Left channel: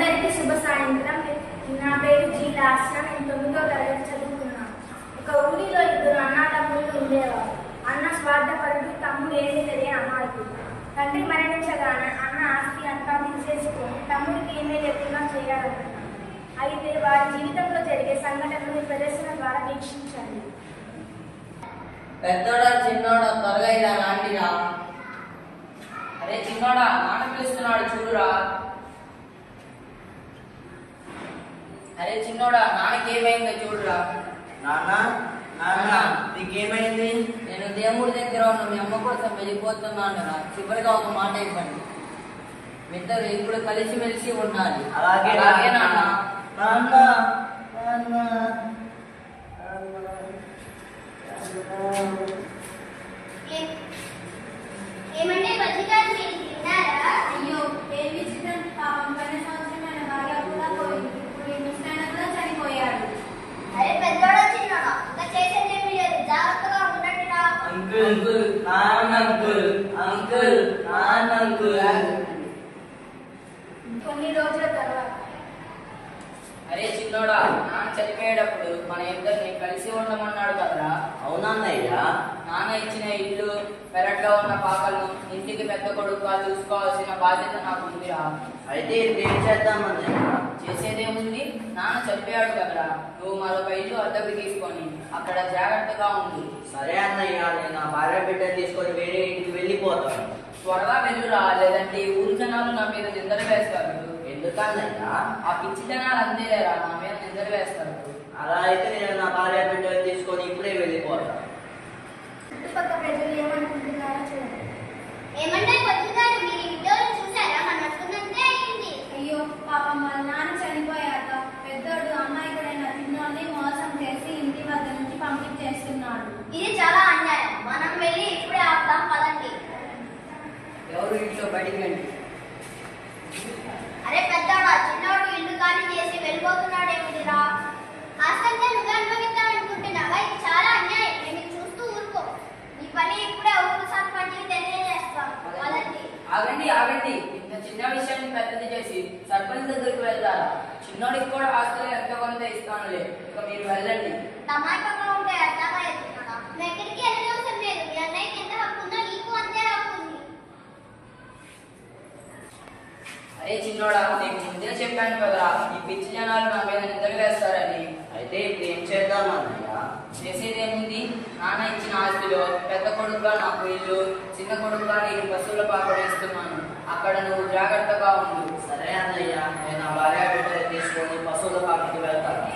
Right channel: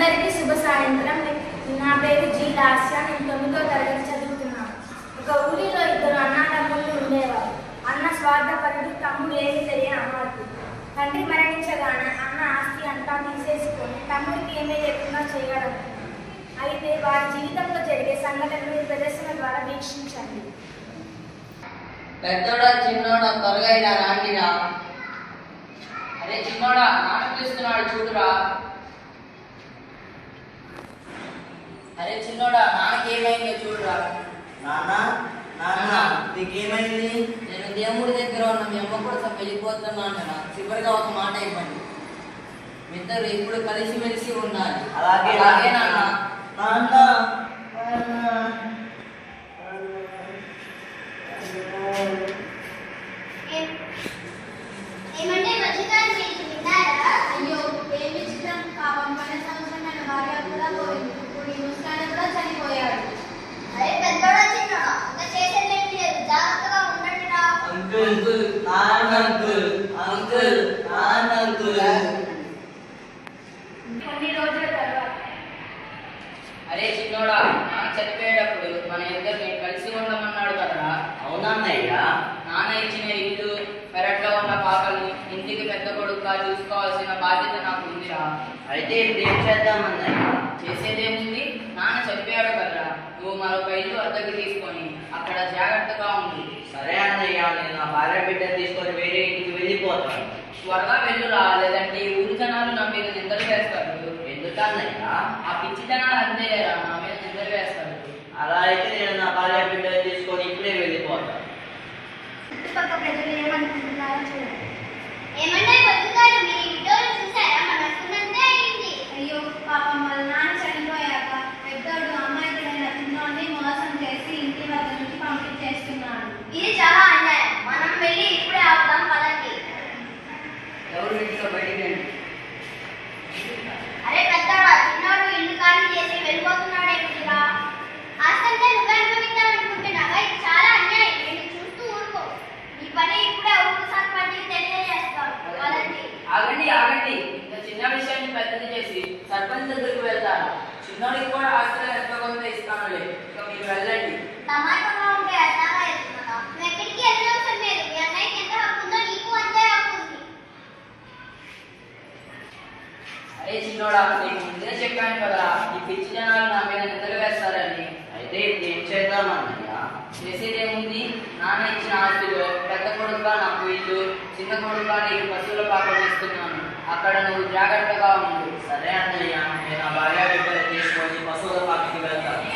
అందరికీ శుభ సాయంత్రం. నా పేరు జి లాస్య. నేను 9వ తరగతి చదువుతున్నాను. ఒక ఊరిలో ఇద్దరు అన్నదమ్ముళ్ళు ఉండేవారు. అన్న స్వార్థపరుడు, తమ్ముడు ఏమీ తెలియని అమాయకుడు. తండ్రి మరణించగానే అన్న ఆస్తి అంతా తీసేసుకొని తమ్ముడికి ఏమీ లేకుండా చేయాలనుకున్నాడు. అయితే వారి జీవితంలో జరిగే సంఘటనలు ఈ ప్రదర్శన ద్వారా వీక్షించండి. పెద్దోడా చిన్నోడా త్వరగా ఇలా రాండిరా. అరే చిన్నోడా, నాన్న పిలుస్తున్నాడు చూడురా. అరే చిన్నోడా, నాన్నకేమైందో చూడురా. నాన్న నాన్న నీకేమైంది? నేను దేవుడి దగ్గర ఉన్న మీ అమ్మ కోసం వెళ్ళిపోతున్నాను రా. చివరిగా ఒక మాట ఇవ్వండి. మీ ఇద్దరు ఇప్పుడు కలిసిమెలిసి ఉండాలి. అలాగే నాన్న. నాన్న ఏమంటే మధ్యకాలం మీరు తిన్నారా? అయ్యో ఏం విచిత్రం. పాపం పని సంవత్సరం నన్ను భార్య కూడా పోయింది. ఇప్పుడు ఈ ముస్తాన కూడా చనిపోయాడు. అరే పెద్దోడా చిన్నోడా, ఇంకా చేసేదేమీ లేదు, జాగ్రత్తగా ఉండండి రా. అంకుల్ నాన్న అంకుల్ అంకుల్ నాన్న అంకుల్. కొన్ని రోజుల తర్వాత అరే చిన్నోడా, నాన్న చనిపోయేటప్పుడు మన ఇద్దరిని కలిసి ఉండమన్నాడు కదరా. అవునన్నయ్యా. నాన్న ఇచ్చిన ఇల్లు, పెరట్లో ఉన్న పాకలు, ఇంటికి పెద్ద కొడుకుగా చూసుకోవాల్సిన బాధ్యత నాకు ఉందిరా. అయితే ఇప్పుడు ఏం చేద్దామన్నయ్య? చేసేదేముంది, నాన్న చనిపోయాడు కదరా. నువ్వు మరొక ఇల్లు అద్దెకు తీసుకొని అక్కడ జాగ్రత్తగా ఉంది. సరే అన్నయ్య, నేను నా భార్య బిడ్డను తీసుకొని వేరే ఇంటికి వెళ్ళిపోతాను. త్వరగా వెళ్ళురా, లేదంటే ఈ ఊరి జనాలు నా మీద నిందలు వేస్తారు. ఎందుకన్నయ్య? ఆ పిచ్చి జనాలు అంతేరా, నా మీద నిందలు వేస్తారు. అలా అయితే నేను నా భార్య బిడ్డను తీసుకొని ఇప్పుడే వెళ్ళిపోతాను. చుట్టుపక్కల ప్రజలు ఏమనుకుంటున్నారో చూడండి. ఏమంటే మధ్యకాలం మీరు ఈ వీడియోలో చూసారా? మన వస్తున్నంతే అయింది. అయ్యో పాపం వాళ్ళ నాన్న చనిపోయాక పెద్దోడు అమ్మాయికుడైన చిన్నోడిని మోసం చేసి ఇంటి వద్ద నుంచి పంపించేస్తున్నాడు. ఇది చాలా అన్యాయం. మనం వెళ్ళి ఇప్పుడే ఆపుదాం, పదండి. ఎవరు ఇంట్లో బయటికి రండి. అరే పెద్దోడా, చిన్నోడు ఇల్లు ఖాళీ చేసి వెళ్ళిపోతున్నాడు ఏమిటిరా? ఆస్తంతా నువ్వే అనుభవించాలనుకుంటున్నావా? ఇది చాలా అన్యాయం. నేను చూస్తూ ఊరుకో. ఈ పని ఇప్పుడే ఊరు సర్పంచ్కి తెలియజేస్తాం. పదండి. ఆగండి ఆగండి, ఇంత చిన్న విషయాన్ని పెద్దది చేసి సర్పంచ్ దగ్గరికి వెళ్తారా? చిన్నోడికి కూడా ఆస్తులు ఎంతో కొంత ఇస్తానులే, ఇక మీరు వెళ్ళండి. తమాషాగా ఉంటే అర్థంగా వెళ్తున్నావా? నువ్వు ఎక్కడికి వెళ్ళవలసిన లేదు. మీ అన్నయ్యకి ఎంత హక్కు ఉందో నీకు అంతే హక్కు ఉంది. అరే చిన్నోడా, నీకు ముందే చెప్పాను కదా, ఈ పిచ్చి జనాలు నా మీద నిద్ర వేస్తారని. అయితే ఇప్పుడు ఏం చేద్దామన్నయ్య? చేసేదేముంది, నాన్న ఇచ్చిన ఆస్తిలో పెద్ద కొడుకుగా నాకు ఇల్లు, చిన్న కొడుకుగా నీకు పశువుల పాకం ఇస్తున్నాను. అక్కడ నువ్వు జాగ్రత్తగా ఉండు. సరే అన్నయ్య, నేను నా భార్య బిడ్డను తీసుకొని పశువుల పాకకి వెళ్తాను.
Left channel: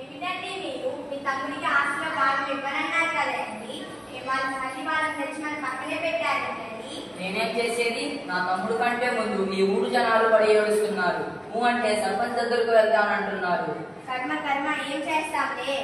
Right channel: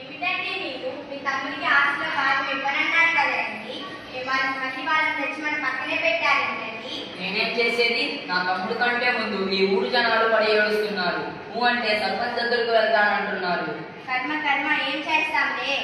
ఏమిటండి మీరు మీ తమ్ముడికి ఆస్తిలో భాగం ఇవ్వనన్నారు కదండి? వాళ్ళని తెచ్చి మన పక్కనే పెట్టారండి. నేనేం చేసేది, నా తమ్ముడు కంటే ముందు ఈ ఊరు జనాలు పడి ఏడుస్తున్నారు. నువ్వు అంటే సర్పంచ్ దగ్గరకు వెళ్తానంటున్నారు. కర్మ కర్మ, ఏం చేస్తాంలే.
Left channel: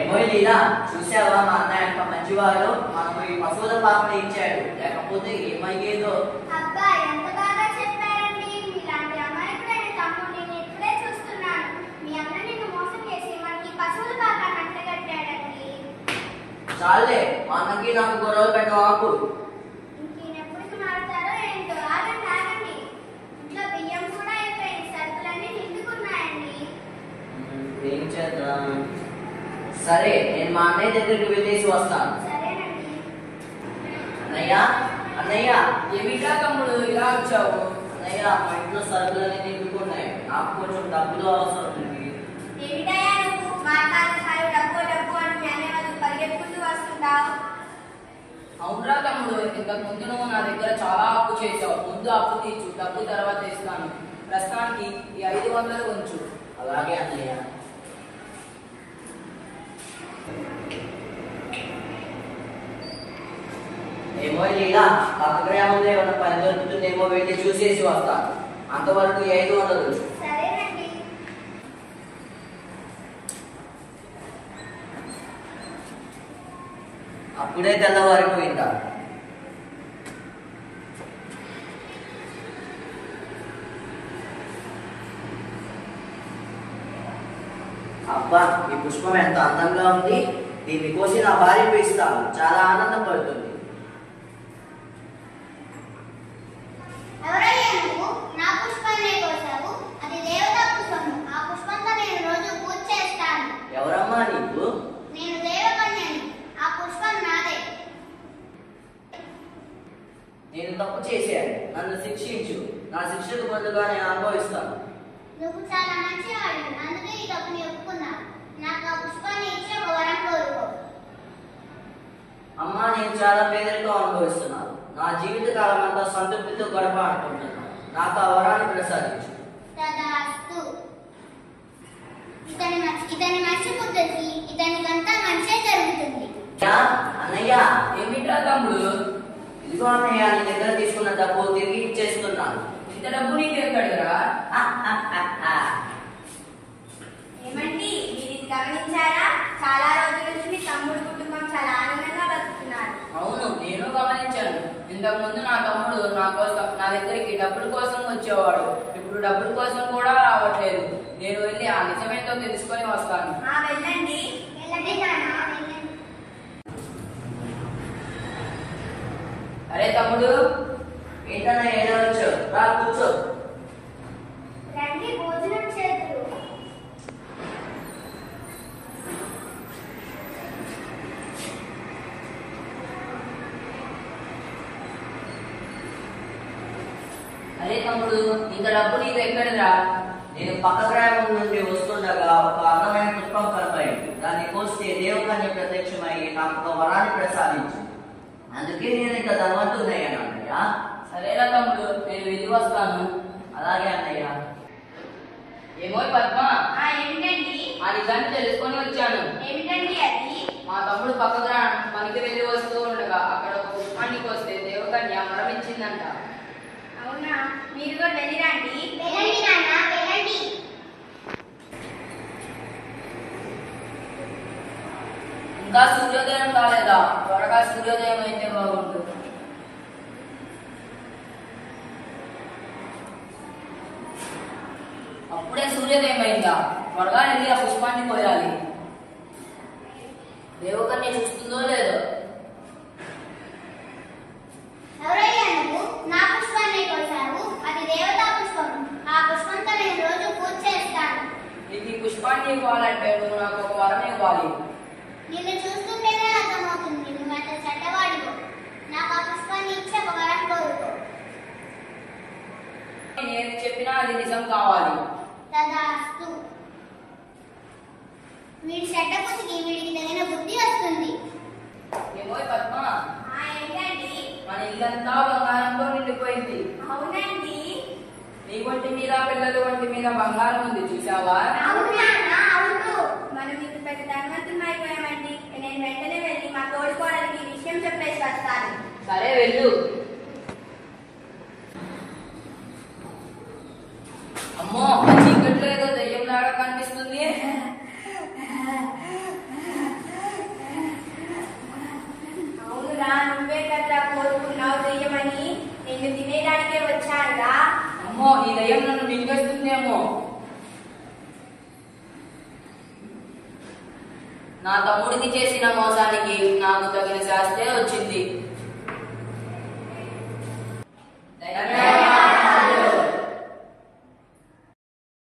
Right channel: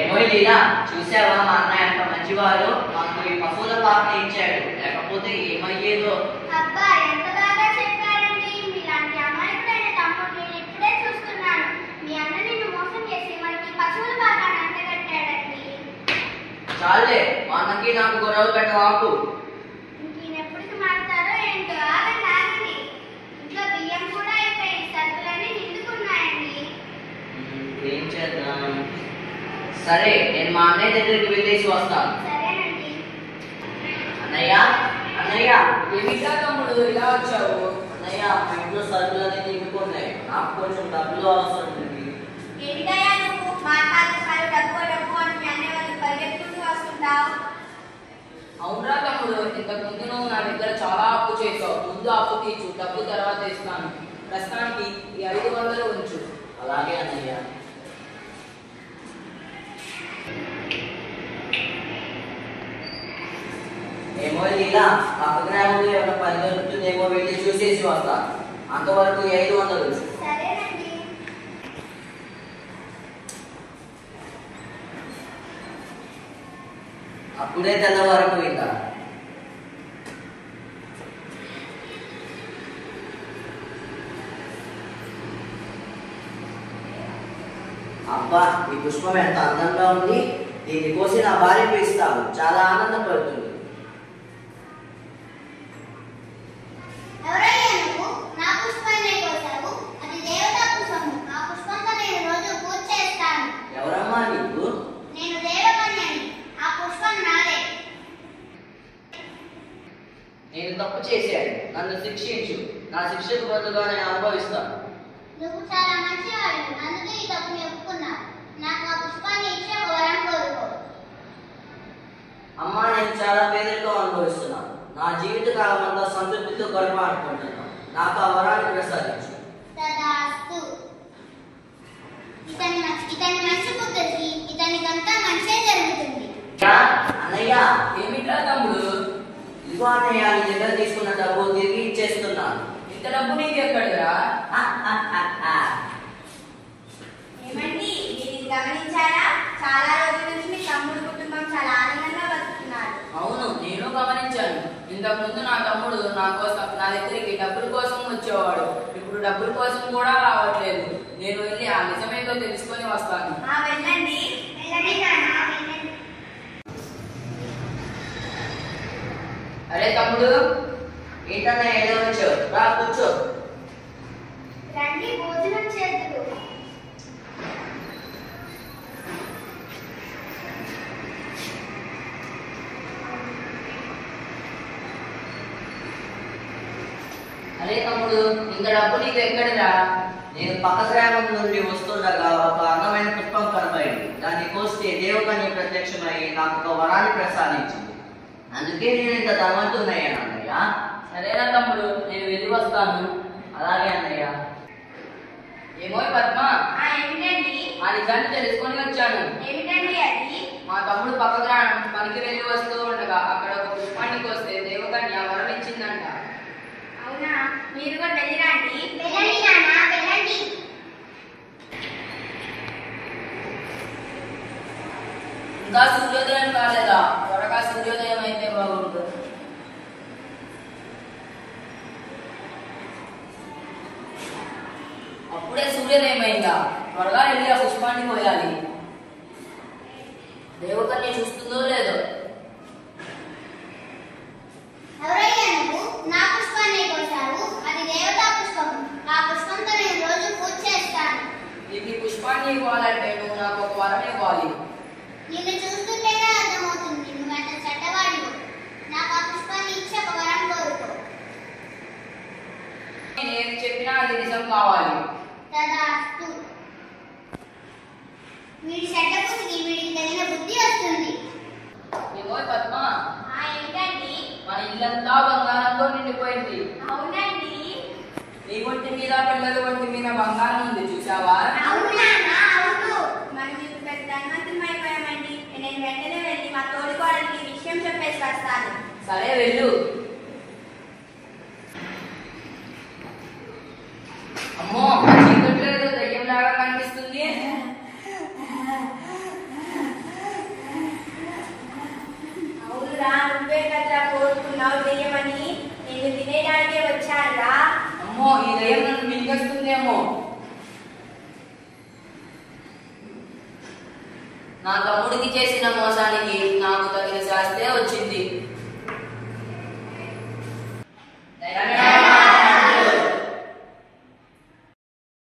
ఏమో లీలా, చూసావా మా అన్న ఎంత మంచివాడు, మనకు ఈ పశువుల పాకని ఇచ్చాడు. లేకపోతే ఏమయ్యేదో. అబ్బా, ఎంత బాగా చెప్పారండి. మీలాంటి అమాయకుడైన తమ్ముడు నేను ఇప్పుడే చూస్తున్నాను. మీ అన్న నిన్ను మోసం చేసి మనకి పశువుల పాకాన్ని అంటగట్టాడండి. చాలే, మా అన్నకి నాకు గొడవలు పెట్టవాకు. ఇంకెప్పుడు మారుతారో ఏంటో. ఆగండి ఆగండి, ఇంట్లో బియ్యం కూడా అయిపోయి సరుకులన్నీ నిండుకున్నాయండి. ఏం చేద్దాం? సరే, నేను మా అన్నయ్య దగ్గరికి వెళ్ళేసి వస్తాను. సరేనండి. అన్నయ్య అన్నయ్య ఏమిటా తమ్ముడు ఇలా వచ్చావు? అన్నయ్య, మా ఇంట్లో సరుకులన్నీ నిండుకున్నాయి. నాకు కొంచెం డబ్బులు అవసరం ఉంది. ఏమిటయ్యా నువ్వు మాట్లాడుతున్నారు? డబ్బు డబ్బు అని మీ అన్నయ్య వాళ్ళు పరిగెత్తుకుంటూ వస్తుంటావు. అవునరా తమ్ముడు, ఇంతకు ముందు నువ్వు నా దగ్గర చాలా అప్పు చేసావు. ముందు అప్పు తీర్చు, డబ్బు తర్వాత ఇస్తాను. ప్రస్తుతానికి ఈ 500 ఉంచు. అలాగే అన్నయ్య. ఏమో లీలా, పక్క గ్రామంలో ఏమైనా పని దొరుకుతుందేమో వెళ్ళి చూసేసి వస్తాను. అంతవరకు 500. సరేనండి. అప్పుడే తెల్లవారిపోయిందా? అబ్బా, ఈ పుష్పం ఎంత అందంగా ఉంది. దీన్ని కోసి నా భార్యకు ఇస్తాను, చాలా ఆనందపడుతుంది. ఎవరయ్యా నువ్వు? నా పుష్పాన్నే కోసావు, అది దేవతా పుష్పము. ఆ పుష్పంతో నేను రోజు పూజ చేస్తాను. ఎవరమ్మా నీకు? నేను దేవకన్యని, ఆ పుష్పం నాదే. నేను తప్పు చేశాను, నన్ను శిక్షించు. నా శిక్షకు బదులుగా నేను అనుభవిస్తాను. నువ్వు చాలా మంచివాడు, అందుకే ఈ తప్పుని ఒప్పుకున్నావు. నాకు ఆ పుష్పాన్ని ఇచ్చి ఒక వరం కోరుకో. అమ్మా, నేను చాలా పేదరికం అనుభవిస్తున్నాను. నా జీవితకాలం అంతా సంతృప్తితో గడపాలనుకుంటున్నాను. నాకు ఆ వరాన్ని ప్రసాదించు. తదాస్తు. ఇతని మంచి బుద్ధికి ఇతనికంతా మంచే జరుగుతుంది. అన్నయ్య, ఏమిట్రా తమ్ముడు? ఇదిగో అన్నయ్య, నీ దగ్గర తీసుకున్న డబ్బు తిరిగి ఇచ్చేస్తున్నాను. ఇంత డబ్బు నీకు ఎక్కడిరా? ఏమండి, మీరు ఇది గమనించారా? చాలా రోజుల నుంచి మీ తమ్ముడు కుటుంబం చాలా ఆనందంగా బతుకుతున్నారు. అవును, నేను గమనించాను. ఇంతకు ముందు నా తమ్ముడు నా దగ్గరికి డబ్బుల కోసం వచ్చేవాడు. ఇప్పుడు డబ్బుల కోసం కూడా రావట్లేదు. నేను వెళ్ళి ఆ నిజమేందో తెలుసుకొని వస్తాను. వెళ్ళండి. వెళ్ళండి నాన్న, వెళ్ళండి. అరే తమ్ముడు, ఏంటన్నయ్య ఏదో వచ్చావు? రా కూర్చో. రండి, భోజనం చేద్దురు. అరే తమ్ముడు, ఇంత డబ్బు నీకు ఎక్కడిరా? నేను పక్క గ్రామం నుండి వస్తుండగా ఒక అందమైన పుష్పం కనపడింది. దాన్ని కోస్తే దేవకన్య ప్రత్యక్షమై నాకు ఒక వరాన్ని ప్రసాదించింది. అందుకే నేను ఇంత ధనవంతున్నయ్యాను అన్నయ్య. సరేనా తమ్ముడు, నేను వెళ్ళి వస్తాను. అలాగే అన్నయ్య. ఏమో పద్మ, ఏమిటండి? ఆ నిజాన్ని తెలుసుకొని వచ్చాను. ఏమిటండి అది? మా తమ్ముడు పక్క గ్రామం పనికి వెళ్ళి వస్తూ ఉండగా అక్కడ ఒక పుష్పానికి వస్తే దేవకన్య వరం ఇచ్చిందంట. అవునా? మీరు కూడా వెళ్ళిరండి. వెళ్ళండి నాన్న, వెళ్ళండి. ఇంకా సూర్యోదయం కాలేదా? త్వరగా సూర్యోదయం అయితే బాగుంటుంది. అప్పుడే సూర్యోదయం అయిందా? త్వరగా వెళ్ళి ఆ పుష్పాన్ని కోయాలి. దేవకన్య చూస్తుందో లేదో. ఎవరయ్యా నువ్వు? నా పుష్పాన్ని కోసావు, అది దేవతా పుష్పము. ఆ పుష్పంతో నేను రోజు పూజ చేస్తాను. నీకు ఈ పుష్పాన్ని ఇవ్వాలంటే నువ్వు నాకు ఒక వరం ఇవ్వాలి. నిన్ను చూస్తుంటేనే అర్థమవుతుంది నువ్వు ఎంత చెడ్డవాడివో. నాకు ఆ పుష్పాన్ని ఇచ్చి ఒక వరం కోరుకో. నేను ఏది చెప్పినా అది నిజం కావాలి. తదాస్తు. వీడి చెడ్డ బుద్ధికి వీడికి తగిన బుద్ధి వస్తుంది. ఏమో పద్మ, ఏమిటండి? మన ఇల్లంతా బంగారంతో నిండిపోయింది. అవునండి. నీ ఒంటి మీద పిల్లల ఒంటి మీద బంగారం ఉంది, చూసావా? అవును నాన్న, అవును. మనం ఇప్పుడు పెద్ద ధనవంతం అయిపోయామండి. నేను వెంటనే వెళ్ళి మా తోడికోడలికి ఈ విషయం చెప్పేసి వస్తాను. సరే వెళ్ళు. అమ్మో, చీకట్లో ఏదో దయ్యంలాగా కనిపిస్తుంది. అవునురా, నువ్వే కదా కోరుకున్నావు దెయ్యమని. నేను తినేదానికే వచ్చానురా. అమ్మో, ఈ దయ్యం నన్ను మింగేస్తుందేమో. నా తమ్ముడికి చేసిన మోసానికి నాకు తగిన శాస్తే వచ్చింది.